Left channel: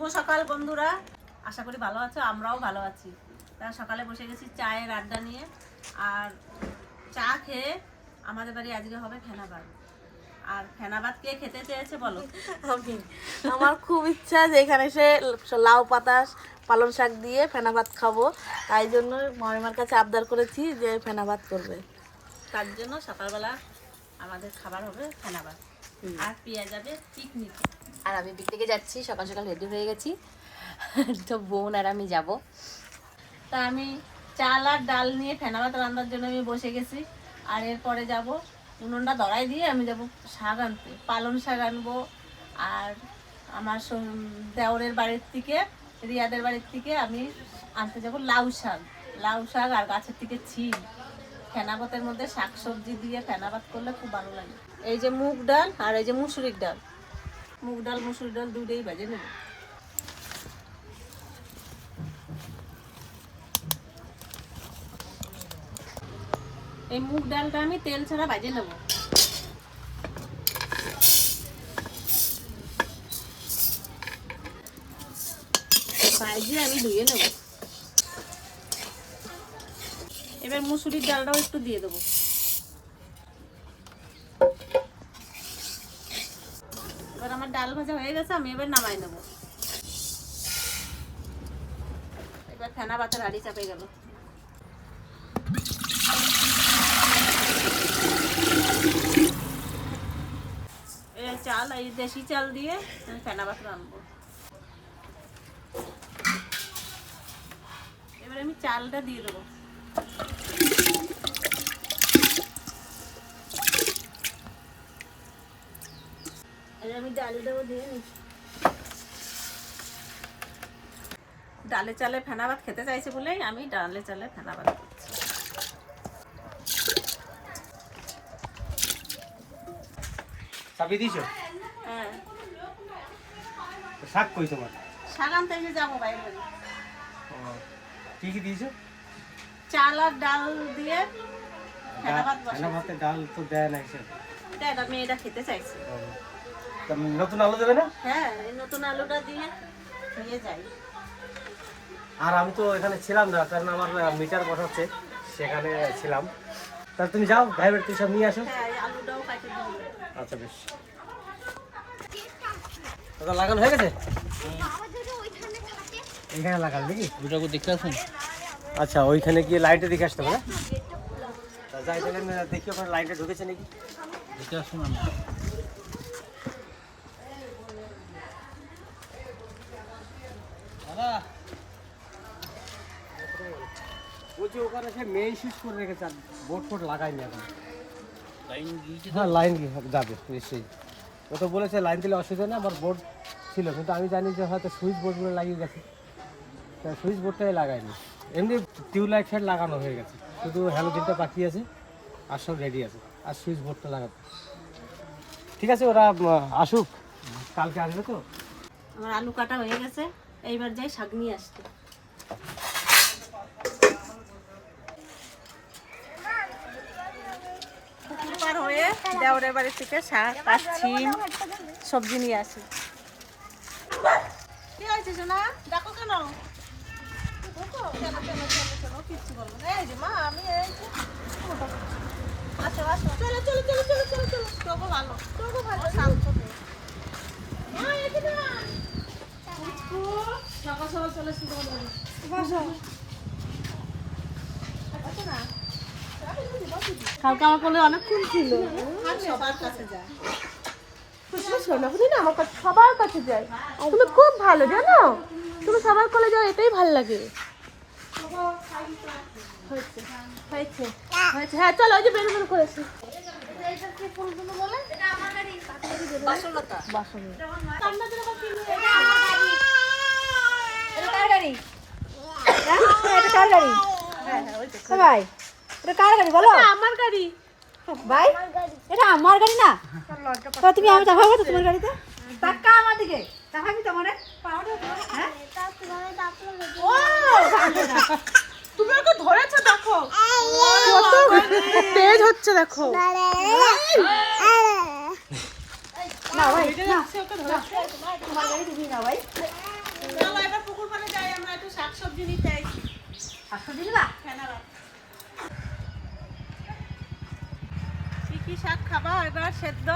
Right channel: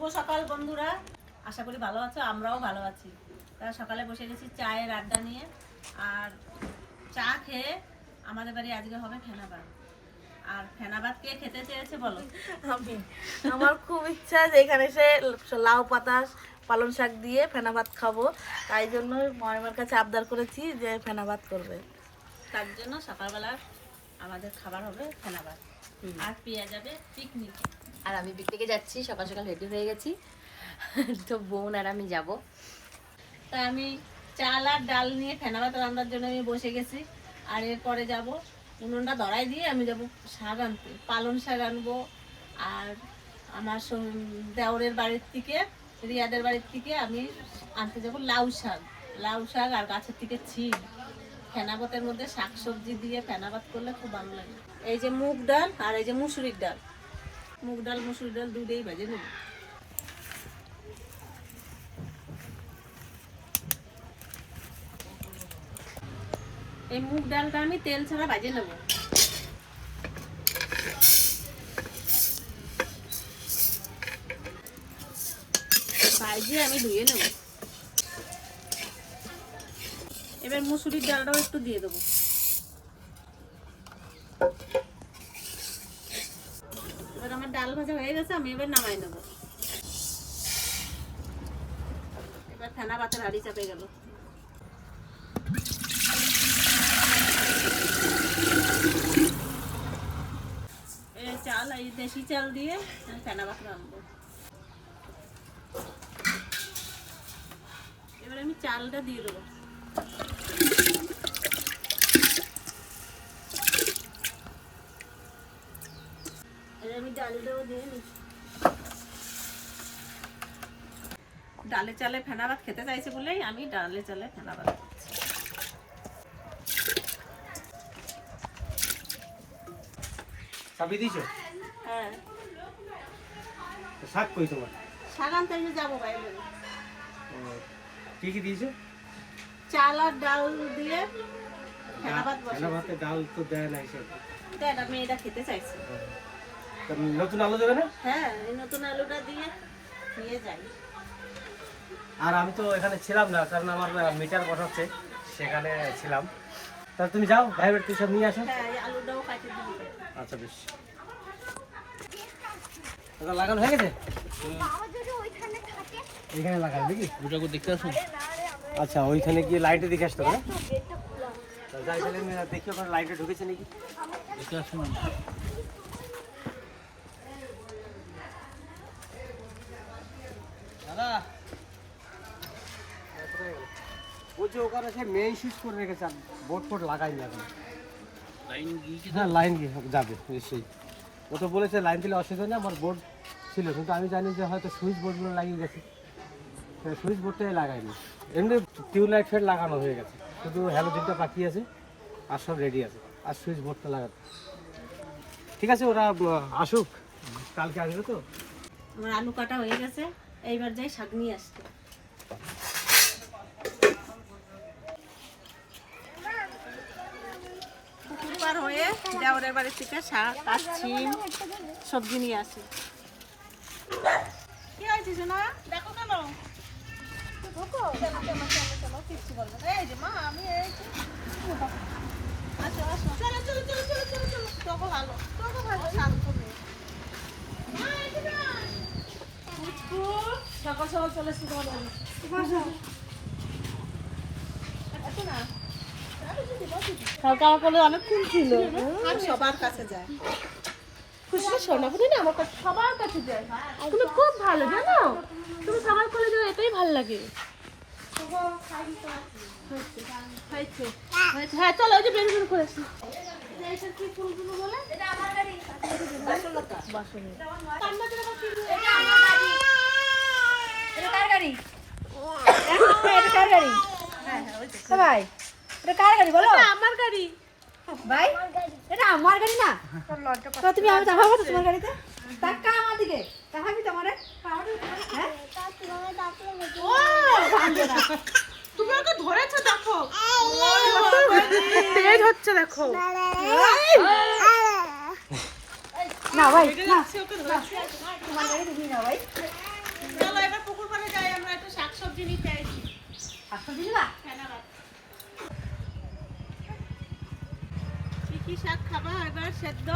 শুভ সকাল বন্ধুরা। আশা করি ভালো আছো আমরাও ভালো আছি। তারা সকালে বসে গেছি চায়ের আড্ডা নিয়ে। আর চা খেয়ে আমাদের বাড়ি আজকে হবে ফেনাবাদ। আর ফেনাবাদ কে খেতে চেয়েছে বলো? আমি। আমার খুব ইচ্ছা যে এখানে এসে লাউ পাতা পালং শাক দিয়ে ফেনা ভাত খাব। তাই জন্য মামিমার কাছে আবদার করেছি যে ফেনা ভাত করবে। তার জন্য সকালবেলা আমাদের খাবার হবে ফেনাবাদ। আর পিয়া যাবে পিকনিকে। আর আমি পিকনিকে যাচ্ছি, সকাল সকাল রেডি হয়ে গেছি। তো বোন আর আমি যাব। তা আমি চাল আর ডাল নিয়ে ফেনাবাদ রান্নার জন্য আমি বসে গেছি। আর এরপরে যাব উনুনটা ধরাই দিয়ে আমি যাব শাক আনতে। পালং শাক আনব আর আমার দেওরের বাড়ির থেকে, রিয়াদের বাড়ির থেকে আমি আনতে যাব লাউ শাক। লাউ শাক আর গাছের থেকে ছিম ফেনাবাতের মধ্যে শাক সবজি দিয়ে ফেনাবাত করলে খুব ভালো লাগে। এই যে মুগ ডাল আর এই যে মুসুরির ডাল। মুগ ডাল মুসুরির ডাল দুটোই ভেজে নেব। এই মুগ ডালটা আমি তেল ছাড়া ভাজে নেব। ভাজিয়ে আমি ধুয়ে নেব। এবার মুসুরির ডালটাও একটু দিয়ে দেবো। ডাল ভাজা হয়ে গেছে, আমি এবার নামাই নেব। এবার ফেনা বাতার হাড়ি চাপে গেল। চাল, এই দেশি চাল দিয়ে আমি ফেনা বাত রাখব এবার আমি চালটা দিয়ে দেবো। আমি ডালটাও দিয়ে নিই। ডালে চালে ফেনা ভাত খেতে চাইছে বলেই আমি ডালে চালে ফেনা ভাত করছি সবই হ্যাঁ। শাক কই তোমার? শাক আনতে এসে যাব বাইরে কি কি দিয়েছ? চাল আর ডাল দিয়ে ফেনা ভাত বসে ভাতে ডাল তো দেয় না হিসেব এটা মেয়েটা খেতে চাইছে। নতুন আলু দেবে না? হ্যাঁ এই নতুন আলুটা দিয়ে দিয়ে যাই। আর আমি তো এখানে ছিলাম না কারণ আমার মিটার বসাচ্ছে সেখানে ছিলাম। তা তুমি যাও ভাইবের তুই সব নিয়ে আসো। হ্যাঁ আলুটাও কাটে দিয়ে আচ্ছা বেশ। ওটা লাগানো হয়ে গেছে? এখানে লাগাল নাকি? দুটাকে দেখতে আসুন। আচ্ছা ওইখানে গিয়ে লাইটে দেখে আসতে হবে তা যাই তাহলে দেখি ওখানে লাইটে ঢুকেছে নাকি? দেখতে আসুন আমরা দাদা ও যে ওখানে সে মেইন সুইচ করে রেখেছে আর বোর্ড ফোর্ড লাগাইনি এখন। লাইন গিয়েছে হ্যাঁ লাইন গিয়ে যাবে নিশ্চয়ই। ও তো বলেছে লাইন দিলে অসুবিধা না আমার বোর্ড ছিল। কিন্তু আমি জানি যে হয়তো সুইচ বোর্ডগুলো লাগিয়ে গেছে। সুইচ বোর্ডটাই লাগাইনি এমনি টিউবলাইট ফেট লাগানো হয়ে গেছে। শুধু হ্যালোজিনটা বাকি আছে আর সব রেডি আছে। আর সুইচ বোর্ডটা লাগাতে। ঠিক আছে ওরা আসুক। কালকে আসবে তো? আমার আলু কাটা হয়ে গেছে। এইবার যাই শাক নিয়ে আসতে। হয়ে দেওরের বাড়ি থেকে শাক আর সবজি নিয়ে আসি কি হয়েছে শোনা দেখো কেন কিচ্ছু বলব এই যে মা, আমি আসো, আসো। চলো, চলো, চলো, চলো, চলো, চলো। তোকে ভালো, তোকে ভালো, এদিকে সকাল সকাল চলে। বসো। আসো না। কালকে আমার কোলে অনেকক্ষণ ছিল। সবার কাছে যায়। তুমি সোনাপুরি না? আমার কাছে সবার কাছে যাই তুমি খুব ভালো জানো? তুমি সবার কোলে যাও এটাই ভালো লাগে। হ্যাঁ চলো ওই যে বের বের করেছি এটা কার গাড়ি? ও ভাই এটা কার গাড়ি বলো? আমার গাড়ি। ভাই এটা আমার গাড়ি না? তো তুমি আমি চাপাবো তো তোমার গাড়িতে? টাকা আমার দিকে। চাপাবি তোমার? হ্যাঁ? ও, ভাঙবে না। তুমি ওকে ধরেছো দেখো। তেজ হচ্ছে দেখো। না ভাই না না, তোমার গাড়ি তুমি না ভাই। শাকসবজি নিতে শাকসবজি দিবা কি কি শাক খাবা? এবার সেদ্ধ।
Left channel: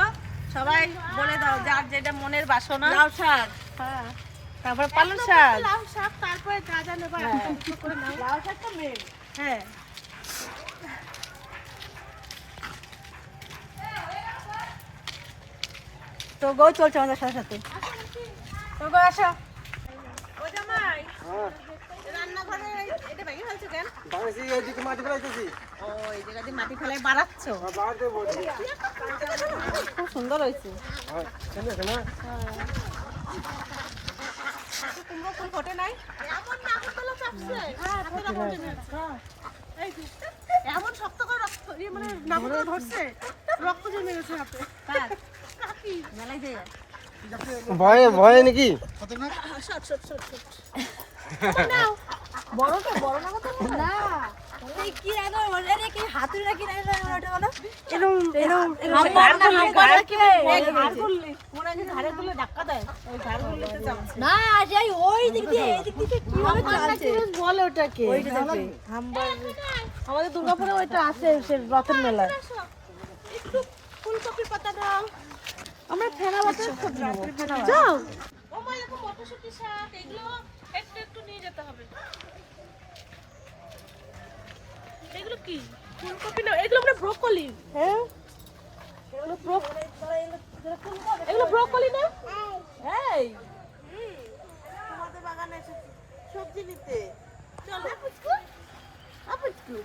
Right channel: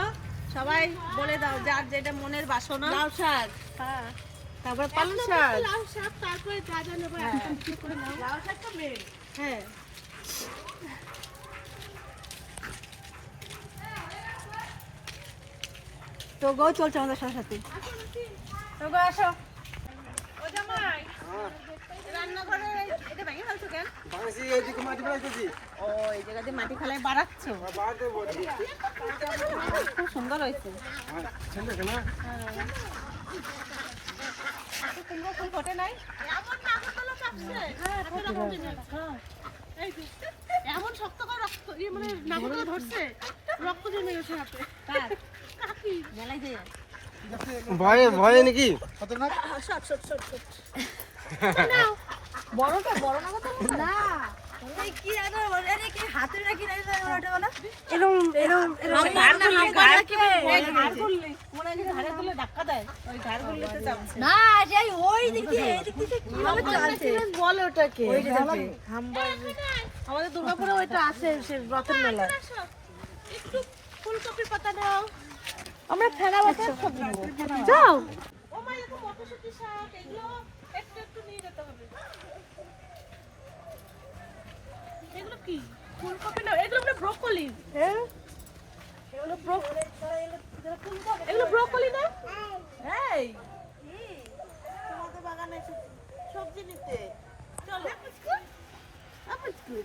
সবাই বলে দাও যার যেটা মনের বাসনা। লাউ শাক। হ্যাঁ। তারপর পালং শাক। লাউ শাক তারপরে যা যা নেবা নাও। লাউ শাক তো মেন হ্যাঁ। তো গো চলছে আমাদের সাথে সাথে। তো গো আসো। ও জামাই। রান্নাঘরে এটা ভেঙে ফেলছো কেন? মাটি ফেলাইতেছি। ও এই জায়গা দিয়ে মাটি ফেলে বাড়াচ্ছ? খুব সুন্দর হয়েছে। কুমড়ো ফুল ফোটে নাই? এমন শক্ত করে রক্ত ইয়ে মানে নাগরদোলা ধরছে। রক্ত জমে গেছে হাতে। কার? কাকি মেলাই দিয়ে ভয়ে ভয়ে নাকি? বড়টা বড় না কত না। কি রাখো এটা কি হাতে রাখি রাখি ওটা বলো। এরকম এরকম মনে হয় ঘাড়ে তুলে ধাক্কা দেয়। ওই ঘাড় না যাই ওই দিক দিয়ে এই দিক দিয়ে কীভাবে চালছে? বলে ওটাকে। ওই যে আমাদের দুর্গাপুরে ওইটা আছে সে রথের মেলা। একটু ফুলকপি পাতা দাও। আমরা খেলা বাতা যাও। ও মা এরকম মটরশুঁটি শাক এগুলো একটু একটু নিয়ে যেতে হবে। এগুলো কি? ফুলকপি না এগুলো আমরা ব্রোকলি। হ্যাঁ? এগুলো ব্রোকলি এগুলো ব্রোকলি না? এই। তোমাদের বাগানে এসে সবজি নিতে চলো আপুচকু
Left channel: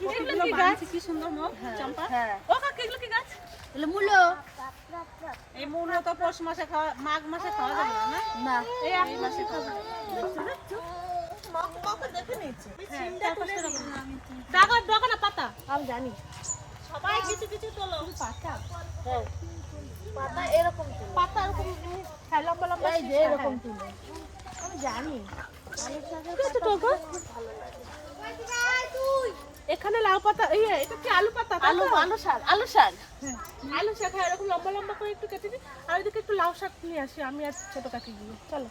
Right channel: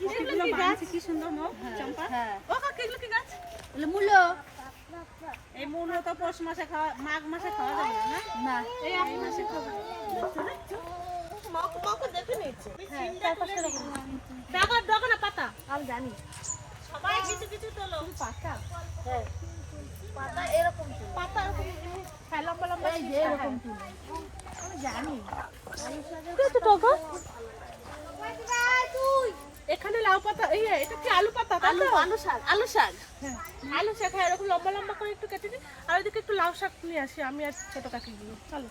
এগুলো কি সুন্দর মুখ চম্পা? ও কাকা এগুলো কি গাছ? এগুলো মূল্য এই মূল তো পৌষ মাসে খাওয়া মাঘ মাসে খাওয়া যাবে না এই এই মাসে খাওয়া যাবে। পাতা আমি জানি সবাই কিছু কিছু তোলো পাতা পাতা এরকম পাতা এরকম লম্বা লম্বা এরকম আমি জানি এখানে লাউ পাতা এই এটা কি আলু পাতা তো? আলু শাক আলু শাক। আলু শাক হ্যাঁ এরকম লম্বা লম্বা করে একটু কেটে দিই আর ওইদিকে একটু লাউ শাক নিয়ে আসি আমি আর ছোট কাকি গিয়ে। চলো।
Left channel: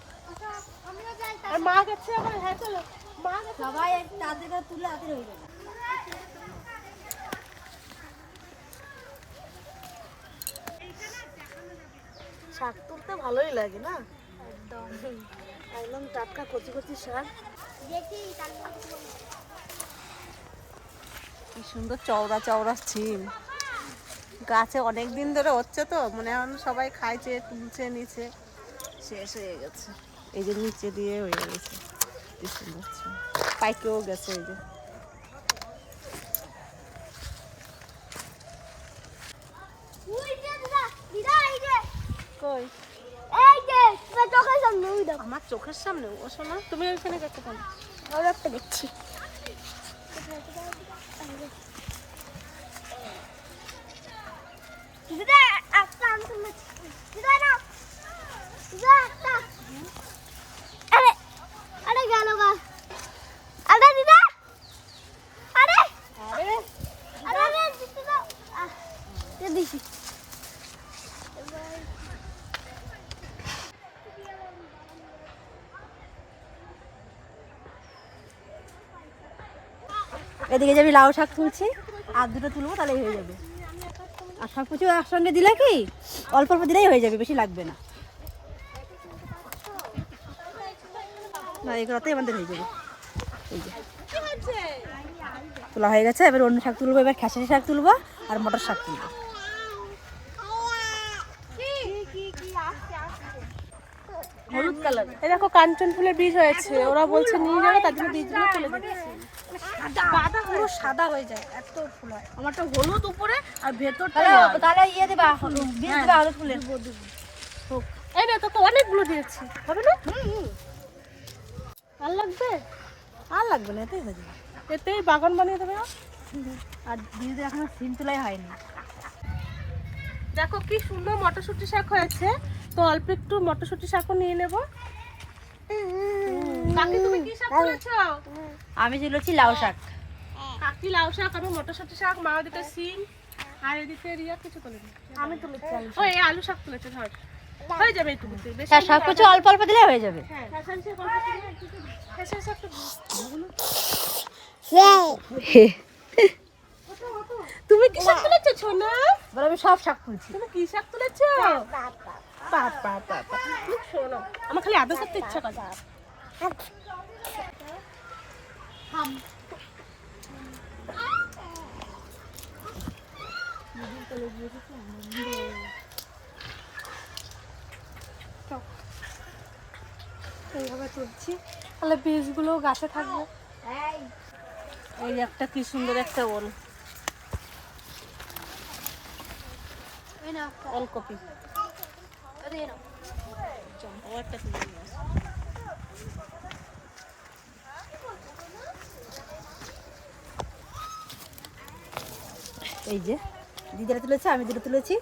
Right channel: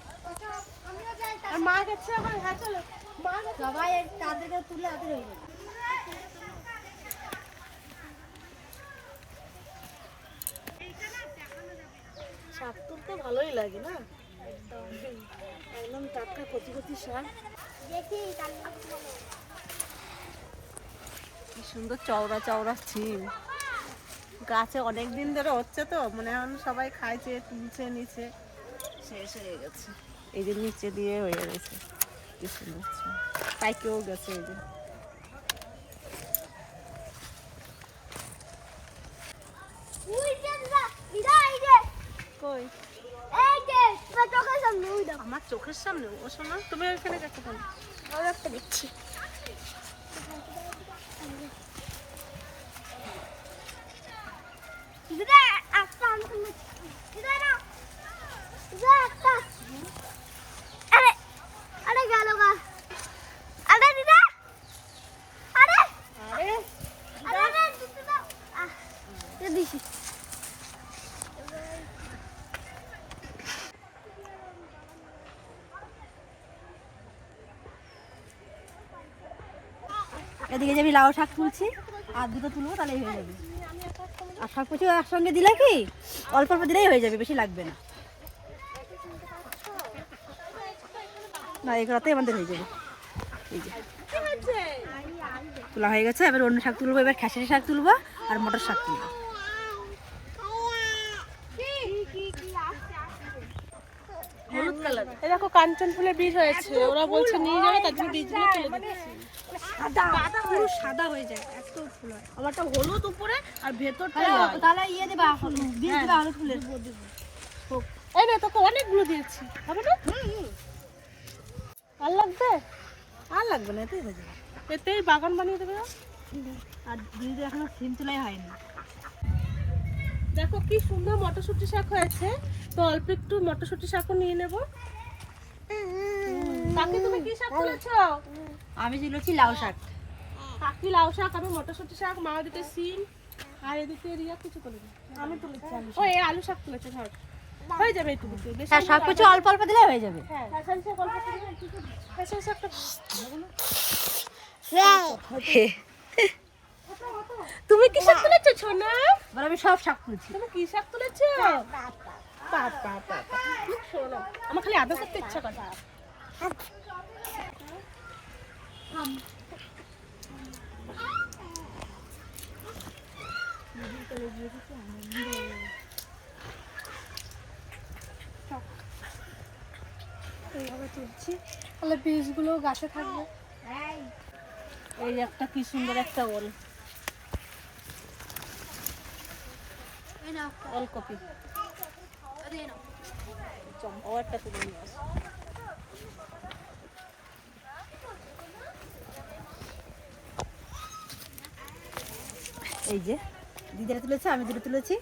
আর মা গেছে আমার হ্যাঁ চলো। মা সবাই তাদের তুলে হাতে যাবে শাক তুলতে ভালোই লাগে না? একদম। টাটকা কচি কচি শাক। কি সুন্দর চওড়া চওড়া ছিম গাছে অনেক দিন ধরে হচ্ছে তো মনে হয় সবাই খাইছে তুলছে নিচে শেষ হয়ে গেছে। এই যে নিচে দিয়ে হয়ে গেছে কি সুন্দর পাইকেও গেছে এই যে আমার চোখের সামনে ও শোনা তুমি এখানে দেখতে পাবো একটা দেখছি গেল গা আরে দিদা আরে আরে আরে আরে দিদা আহ কে দিছি এদিকে যাবি লাউ শাক তুলছি, আর দুটো তুলবো তাহলেই হয়ে যাবে। আর শাক কিছু একসঙ্গে দিলে কি? অল্প অল্প দিলেই হয়ে যাবে, বেশি লাগবে না। এগুলোতেই আমাদের হয়ে যাবে। এই যে। তোলা হয়ে গেছে, এবার অন্য শাক তুলবো, এবার খেসারি শাক তুলবো, আর মটর শাক তুলবো। হলুদ কালার। দেখো কাঞ্চন ফুলের বীজ হয়েছে। ওরা বলছে নিয়ে যাবে, তার জন্য বীজগুলো তুলে দিচ্ছি। পাতা পুরো সাদা হয়ে যায় এত ফুল হয়। আমারটা হলুদ উপরে আর ভেতরটা তাহলে ইয়ে দেবা দেবা হলুদ ফুলের। এই তোকে অনেকগুলো দিয়েছি। হবে না? আর লাগবে? আর লাগবে না এতেই হয়ে যাবে। এতেই বাগান বানিয়ে দেবে আর? বীজ এখনও সিম তোলাই হয়নি। দেখো কি সুন্দর মটরশুঁটি শাক হয়েছে। তো অল্প একটু মটরশুঁটি শাকও নিয়ে নেব। কাকি তুমি কি শাক তুলেছো আমি তুলেছি লাউ শাক কাকি লাউ শাক আমি মটরশুঁটি শাক মা ওদিকে সিম আর এদিকে রিয়া কিছু তুলেনি আমি তুলেছি ও এই আলু শাক তুলেছে ধর হয়ে যাবে একটুকুতে বেশি তা সব কিছু অল্প অল্প দিলে হয়ে যাবে তুমি কি শাক তুলেছো ছোনা আমি সব শাক তুলছি তুমি কি শাক তুলেছো পাপ পাপ শোনো আমার খালি আদা করতে ইচ্ছা করে। এইভাবে তুলছি তাহলে বীজগুলো গাছে থাকবে। এই একটা কি সুন্দর একটা ওল। ওলকপি। ওরটা তুলে নিয়ে এই যে দিদিরা তুলেছে আমি দুটো তুলেছি।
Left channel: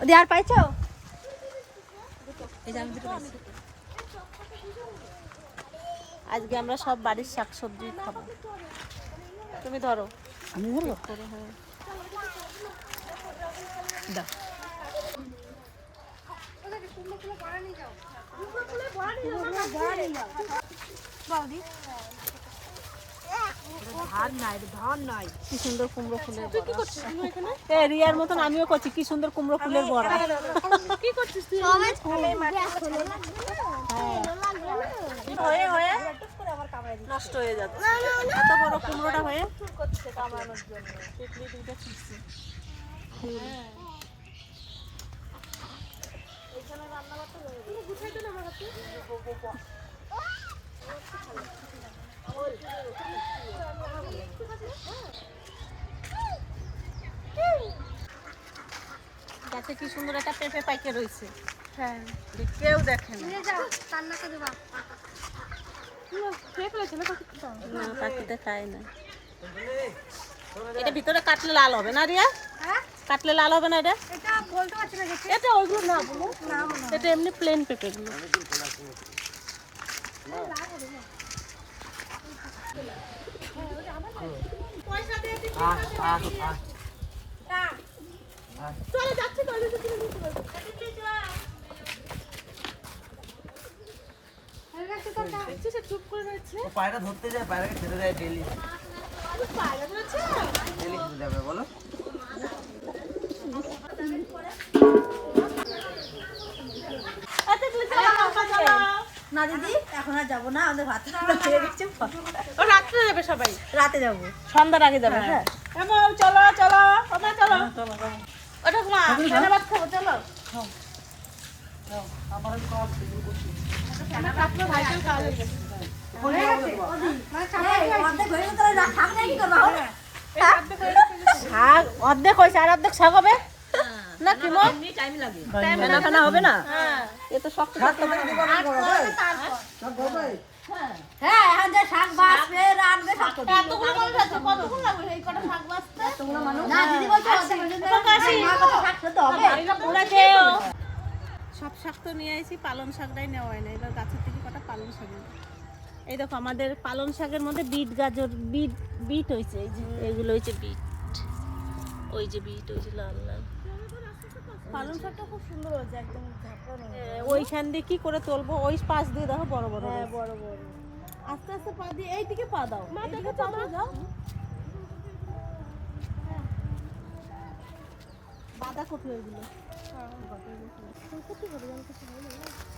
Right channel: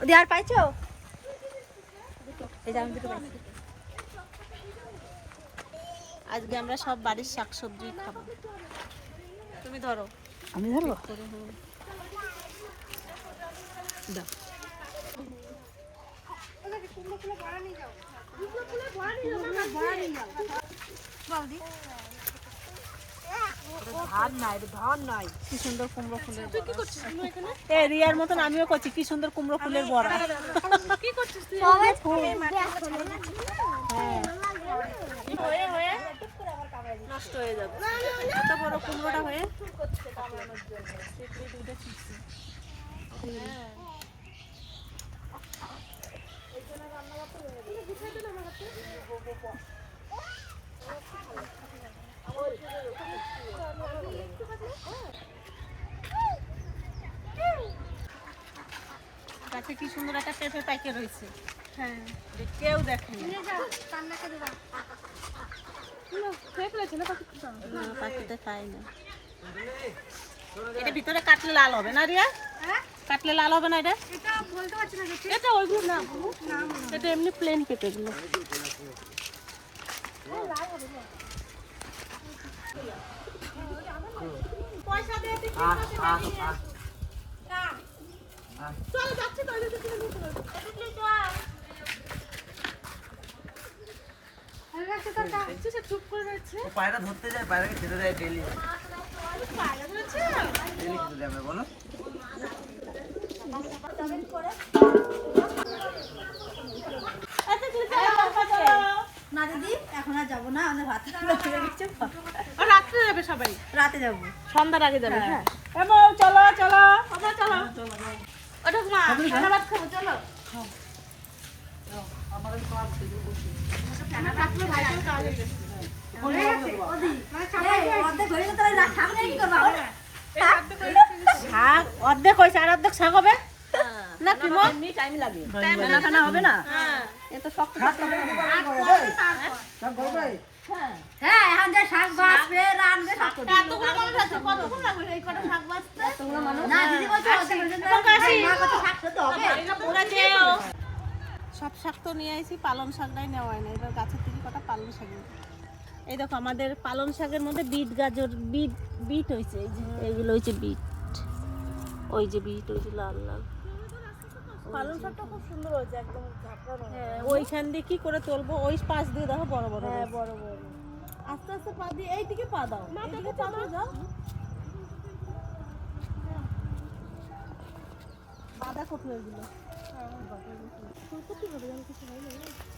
ওদি আর পাইছো? আজকে আমরা সব বাড়ির শাক শাকসবজি খাব। তুমি ধরো। আমি ধরবো? দাও। কি সুন্দর কুমড়ো ফুলের বড়া রিয়ার মতন আমিও করছি কি সুন্দর কুমড়ো ফুলের বড়া হয়ে হয়ে নষ্ট হয়ে যাবে এত বড় কুমড়োটা হয়ে গাছে কি সুন্দর একটা পেঁপে পাইকে রয়েছে। হ্যাঁ। কেউ দেখে না। না পাখিতে খায় না। এটা ভিতরে কাটলে লাল হবে না রিয়া? কাটলে লাল হবে না এটা? এটা ওইগুলো না এটা এমনি প্লেন পেঁপে গুলো পায়রা ধরতে যায় পায়রাকে খেতে দেয় ডেলি ডেলি খেতে যাবে বলো। না দিদি এখন আর যাব না আমাদের ভাত হয়ে গেছে রাত্রে যাবে সবাই? রাতে যাব। সন্ধ্যার আগে যাবে হ্যাঁ। চলো চলো চলো। ধন্যবাদ খাব চলো। অর্ধেক হয়ে গেলে তাহলে যা খাবে না কি করব আমরা? অর্ধেক হয়েছে আর অর্ধেক শাক হবে? না কি মো? ফেনা ফেনা হবে না? এ তো শক্ত শক্ত হ্যাঁ এখন যে শাক রানবে সব করবে না দিদি বলছে অর্ধেক। হয়ে মা কত শাক খেতে হবে? সব শাক তো নিয়ে আসি পালং শাকটাই নেওয়া হয় না। এবার গাছের থেকে কটা পালং শাক এই দেখো আমাদের পালং শাকের মধ্যে বিট গাজর বিট বিট হয়েছে এই যে এইগুলো হয়েছে বিট। ওই যে বিট হয়েছে লাল লাল। পালং শাকটা খুব সুন্দর হয়েছে একদম ওইখান দিয়ে কি করে তুলবো? ওই পাশ দিয়ে দেখো বড় বড় হ্যাঁ বড় বড়। আস্তে আস্তে পা দিয়ে এইদিকে পা দাও এইদিকে পা দিয়ে যাও বাঁধা কপি কিছু এই কটাই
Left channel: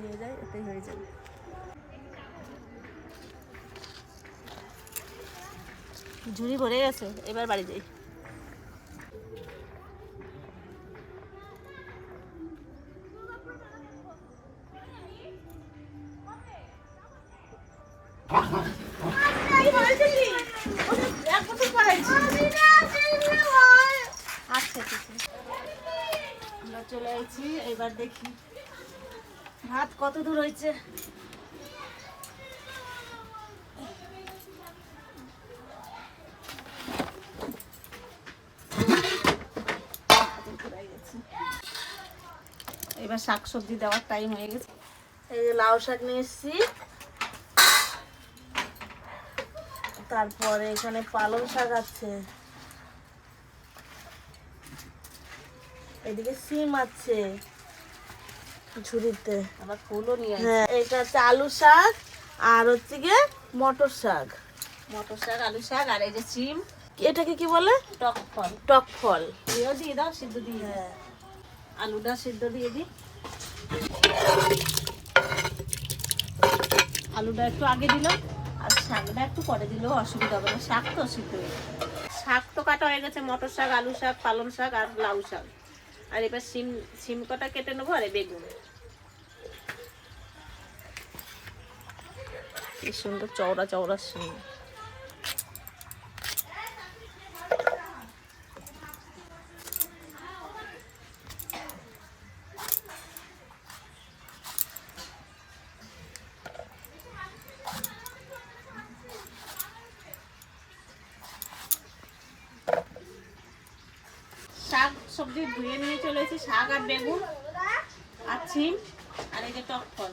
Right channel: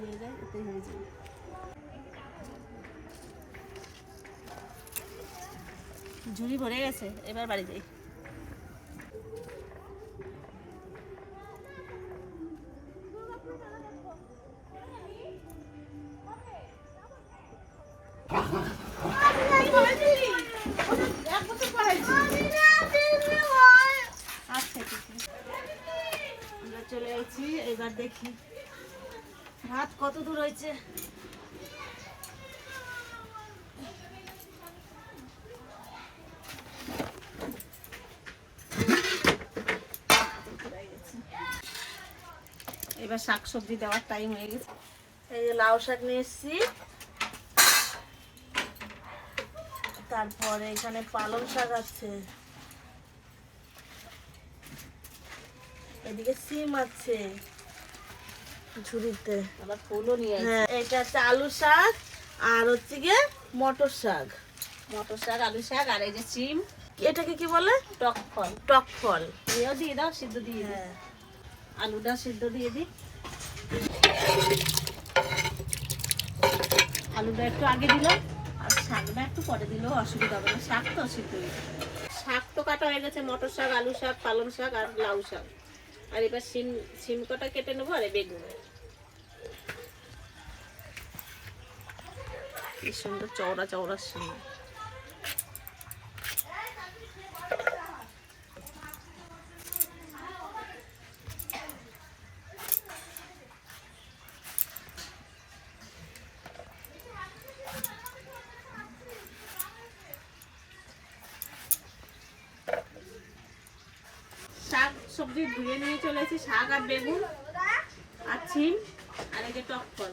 নিয়ে যায় এতেই হয়ে যায়। ঝুড়ি ভরে গেছে এবার বাড়ি যাই আচ্ছা ঠিক আছে আমরা চলে এসেছি এবার দেখি ভাত কত দূর হয়েছে? এবার শাক সবজি দেওয়ার টাইম হয়ে গেছে। এই যে লাউ শাক নিয়ে এসেছি। তারপরে এখানে পালং শাক আছে। এদিকে সিম আছে। ঝুড়িতে। আবার ফুলও নিয়ে হ্যাঁ এটা হচ্ছে আলু শাক আর হচ্ছে গিয়ে মটর শাক। মটর শাক আলু শাক আর এই যে সিম। এটাকে কি বলে? টক ফল। টক ফল। এও দিয়ে দাও সিদ্ধ দিয়ে দিই। হ্যাঁ। আলুটা সিদ্ধ দিয়ে দিই। আলুটা একটু আগে দিলাম আর শাকটা একটু পরে দিলেও অসুবিধা হবে না। শাক তো সিদ্ধ হয়ে শাক তো কাটা হয়ে গেছে মটর শাক আলু শাক পালং শাক আর লাউ শাক। আর এবার সিম সিম কটা কেটে নেব আর বেগুন। কি সুন্দর চওড়া চওড়া সিম শাক সবজি ধুয়ে নিয়ে চলেছি শাক আর বেগুন আর সিম আর এই যে টক ফল।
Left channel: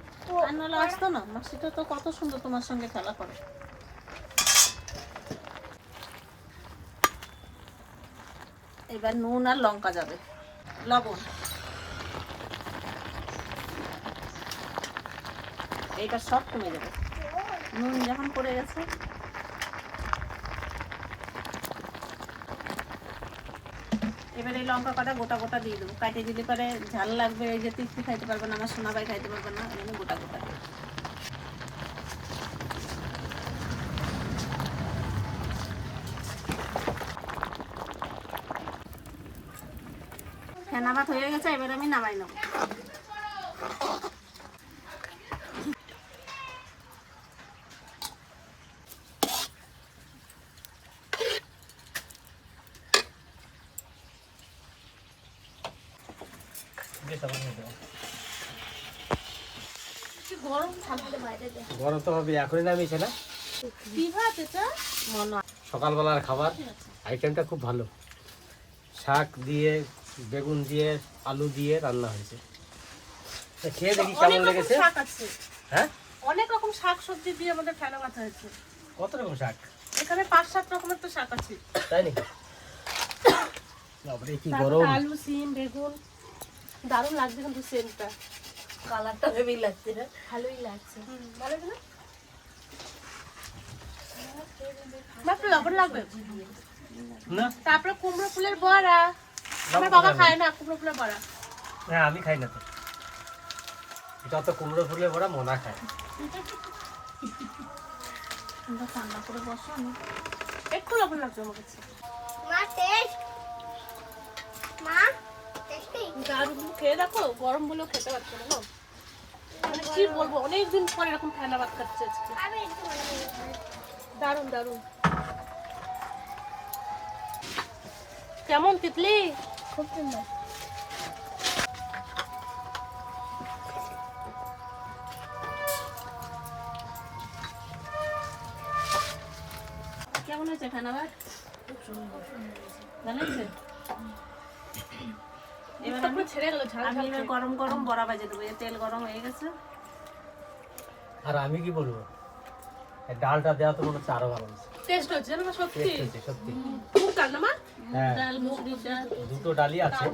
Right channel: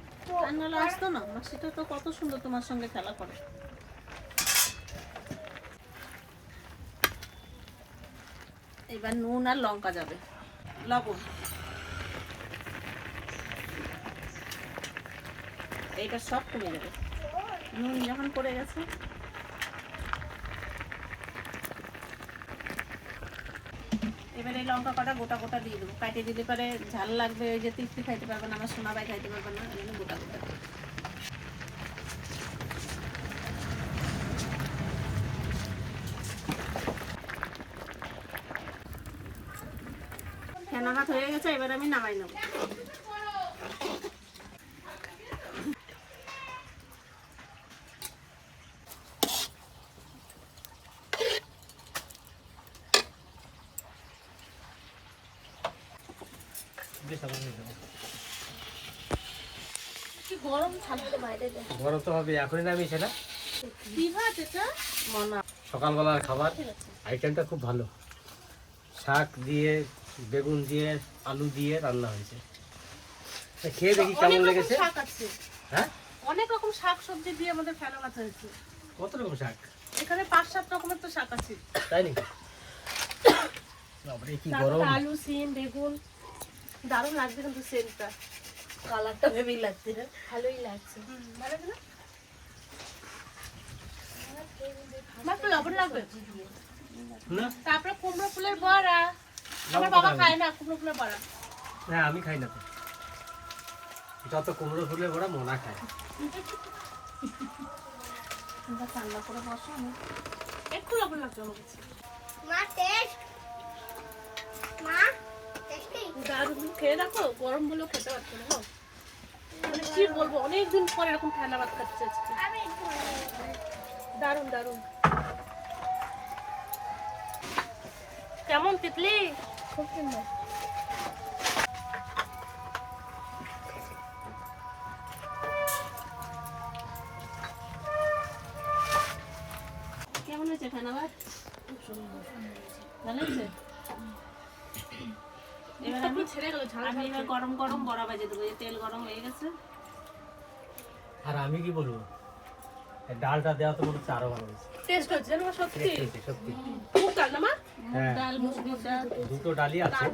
আর আসতো না। মাসিটা তো কত সুন্দর তোমার সঙ্গে খেলা করে। এবার নুন আর লঙ্কা যাবে। লবণ। এইটা সব কমে যাবে। নুন যখন পড়ে গেছে। এবার এই লঙ্কা কটা গোটা গোটা দিয়ে দেবো। কাটিয়ে দিলে পরে ঝাল লাগবে, যে তৃপ্তি খাইতে পারবে না, আমার সোনা ভাই খাইতে পারবে না, এই গোটা গোটা দিয়ে ফেনা ভাত হয়ে গেছে, এবার আমি নামাই নেব। গরম থাকতে বাইরে দে গরম তো হবে এখনই নামিয়েছে না? কি ভাত এটা? মনা। সকালবেলার খাবার আইটেমটা খুব ভালো। শাক দিয়ে বেগুন দিয়ে আলু দিয়ে রান্না হয়েছে। খেয়ে দেখি কেমন লেগেছে? হ্যাঁ? অনেক রকম শাক সবজি দিয়ে আমাদের ফেলা মাথা হয়েছে। কত রকম শাক? এখানে পাঁচ সাত রকমের তো শাক আছে। তাই নাকি? আলু সিম বেগুন। দারুণ লাগছে কিন্তু সেন্টটা কালারটা ভেবেই লাগছে না। ভালোই লাগছে। মাত্র লবণ লাগবে? তারপরে কুমড়ো ফুলের বড়া। আমার বাবা খায় না কুমড়ো ফুলের বড়া। হ্যাঁ আমি খাই না তো। যত কুমড়ো ফুলে ভরা মোনা খায়। করে বসো আমি একটু লবণ লাগবে আমার কাছে। মা টেস্ট। মা খেয়ে দেখো গরম বলেও খেতে পারছ না গো। মানে কি বলব অনেকদিন পরে এরকম ঠান্ডা ভাত খাচ্ছে আজকে। দারুণ দারুণ। কেমন তিতলি? খুব সুন্দর। কেমন হয়েছে খানা ভাত? ভালো হয়েছে? এবার আমি ছেড়ে গেল আমি এবার গরম গরম বড়া বাজে দেবো তেল গরম হয়ে গেছে। আর আমি কি বলব? ডালটা দেওয়া তো মনে হচ্ছে আরও ভালো হয়েছে। টেস্ট হচ্ছে জানো সত্যি? সত্যি। মুখ কাল না মা? হ্যাঁ। ডাল মুসুরির ডাল। দুটো ডালই আছে।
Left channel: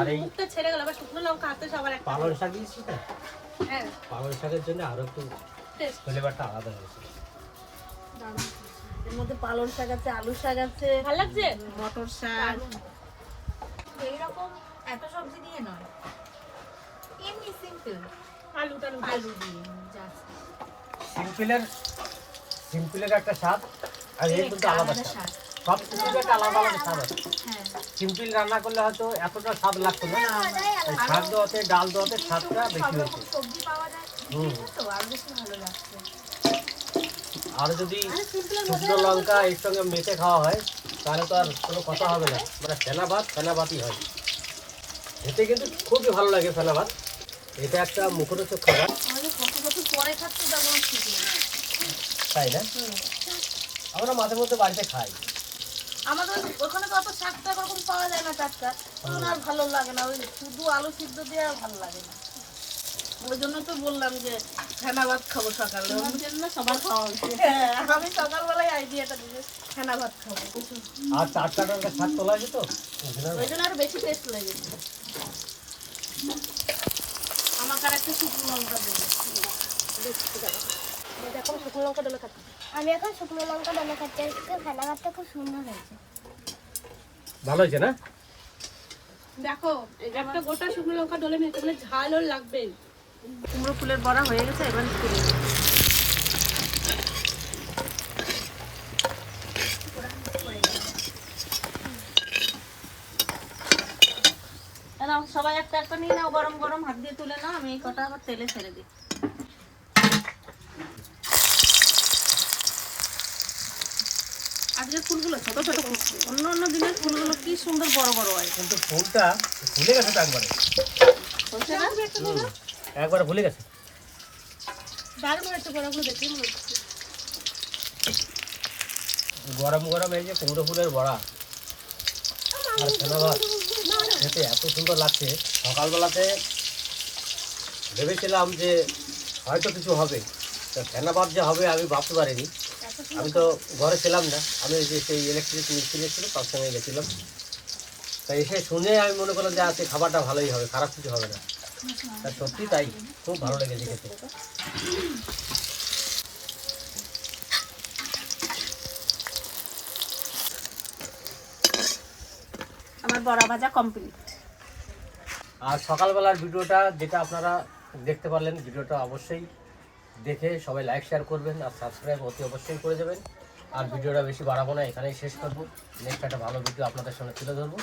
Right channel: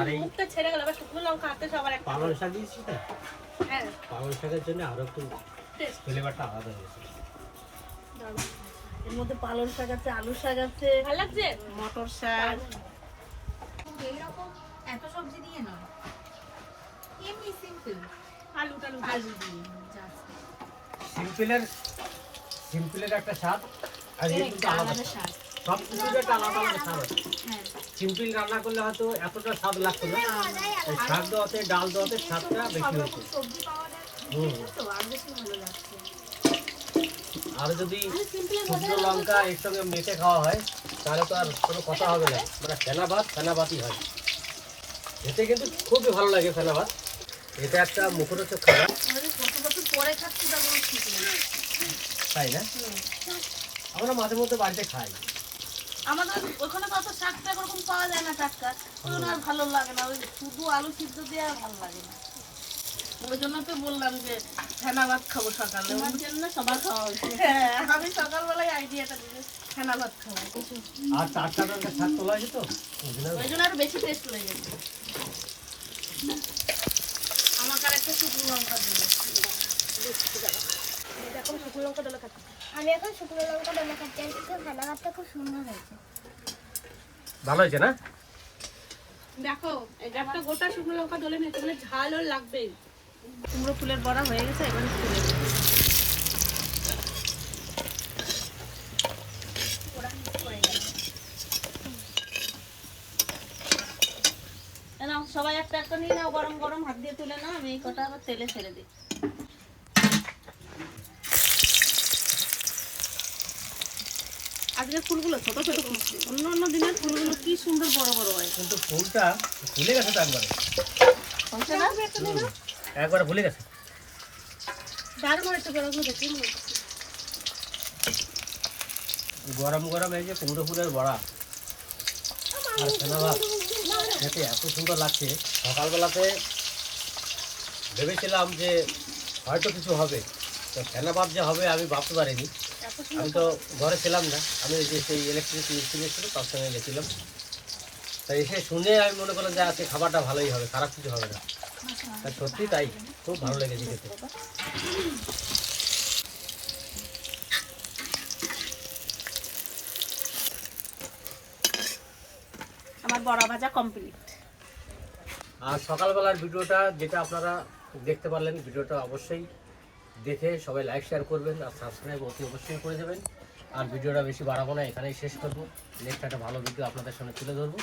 আর এই মুখটা ছেড়ে গেল আবার শুকনো লঙ্কা হাতে সবার একটা। পালং শাক দিয়েছিস না হ্যাঁ। পালং শাকের জন্য আরও একটু ফ্লেভারটা আলাদা হয়েছে। এর মধ্যে পালং শাক আছে আলু শাক আছে। ভালো লাগছে? মটর শাক। এত সবজি দিয়ে নয়। এমনি সিম্পল আলু টালু আলু দিয়ে। সিম্পলের সিম্পলের একটা স্বাদ। আর এর কিন্তু আলাদা স্বাদ। স্বাদ। সব কিছুর একটা আলাদা আলাদা স্বাদ আছে। সিম্পল রান্না করলে হয়তো এতটা স্বাদ লাগতো না। এই শাক দেওয়াতে ডাল দেওয়াতে স্বাদটা বেশি হয়েছে। সবজি পাওয়া যায়। হুম। হুম। তো আর বেশি ভালো লাগছে। আর যদি শুকনো লঙ্কা এর সঙ্গে মেখে খাওয়া হয় তাহলে তো আর কোনো কথা হবে না। মানে ফেনা ভাত ফেনা ভাতই হয়। খেতে কিন্তু খুবই ভালো লাগে ফেলাবার। এটা একটা মুখরোচক খাবার। তাই না? আমরা মাঝে মধ্যে বাড়িতে খাই। আমাদের ওখানে তো অত শাকটা এরকম পাওয়া যায় না টাটকা আর ভালো লাগে না। ওই শুধু আলু সিদ্ধ দিয়ে আর ভালো লাগে না। ওই জন্য তো বললাম যে ফেনা ভাত খাব সকালে। ওর জন্য সবার খাওয়া উচিত। হ্যাঁ আমি সকালবেলায় আইডিয়াটা দিলে ফেনা ভাত খাব। আর চার চার শাক তোলা আছে তো? ওই জন্য আরও বেশি টেস্ট লেগেছে আমাকে আর একটা শুকনো লঙ্কা দেবে এখন শুকনো লঙ্কা দেবে খাচ্ছি আমি এখন শুকনো লঙ্কা ডলে খাচ্ছি আজকে ফেনা ভাতটা খুব সুন্দর হয়েছে। ভালো হয়েছে না? দেখো এটা একটা গোটা শুকনো লঙ্কা ডলে নিয়ে তাহলে ঝালও লাগবে কুমড়ো ফুলের বড়া হয়ে গেছে এবার তুলে সবাই একটা একটা নিয়ে নাও গরম গরম হাত দিয়ে তুলে নাও আমি এই কটা আবার তেলে ছেড়ে দিই। আজকে ফুলগুলো ছোট ছোট ফুটছে। অন্য অন্য দিনের ফুলগুলো কি সুন্দর বড় বড় হয়। কিন্তু ফুলটা ভুলে গেছে তো একবারে। একবারে ভুলে গেছে? গরম গরম এই যে কুমড়ো ফুলের বড়া। আর ফেনা ভাত। খেতে এত সুন্দর লাগছে। সকালবেলাতে ভেবেছিলাম যে হয়তো কিছু হবে। তো ফেনা ভাত যে হবে আমি ভাবতে পারিনি। আমি তো ঘরে ছিলাম না। আমি যে সেই ইলেকট্রিক মিস্ত্রি ছিল তার সঙ্গে গেছিলাম। তা এসে শুনে আমি মনে করলাম যে আজকে খাবারটা ভালোই হবে খারাপ কিছু হবে না। সত্যি তাই খুব ভালো লেগেছে খেতে। আমার বড়া ভাজা কমপ্লিট আর সকালবেলার ভিডিওটা যেটা আপনারা দেখতে পারলেন ভিডিওটা অবশ্যই দেখে সবাই লাইক শেয়ার করবেন আর সাবস্ক্রাইব অতি অবশ্যই করে দেবেন। আর ভিডিওটা বেশি বাড়াবো না এখানেই শেষ করব। নেক্সট একটা ভালো ভিডিও আপনাদের সামনে তুলে ধরবো।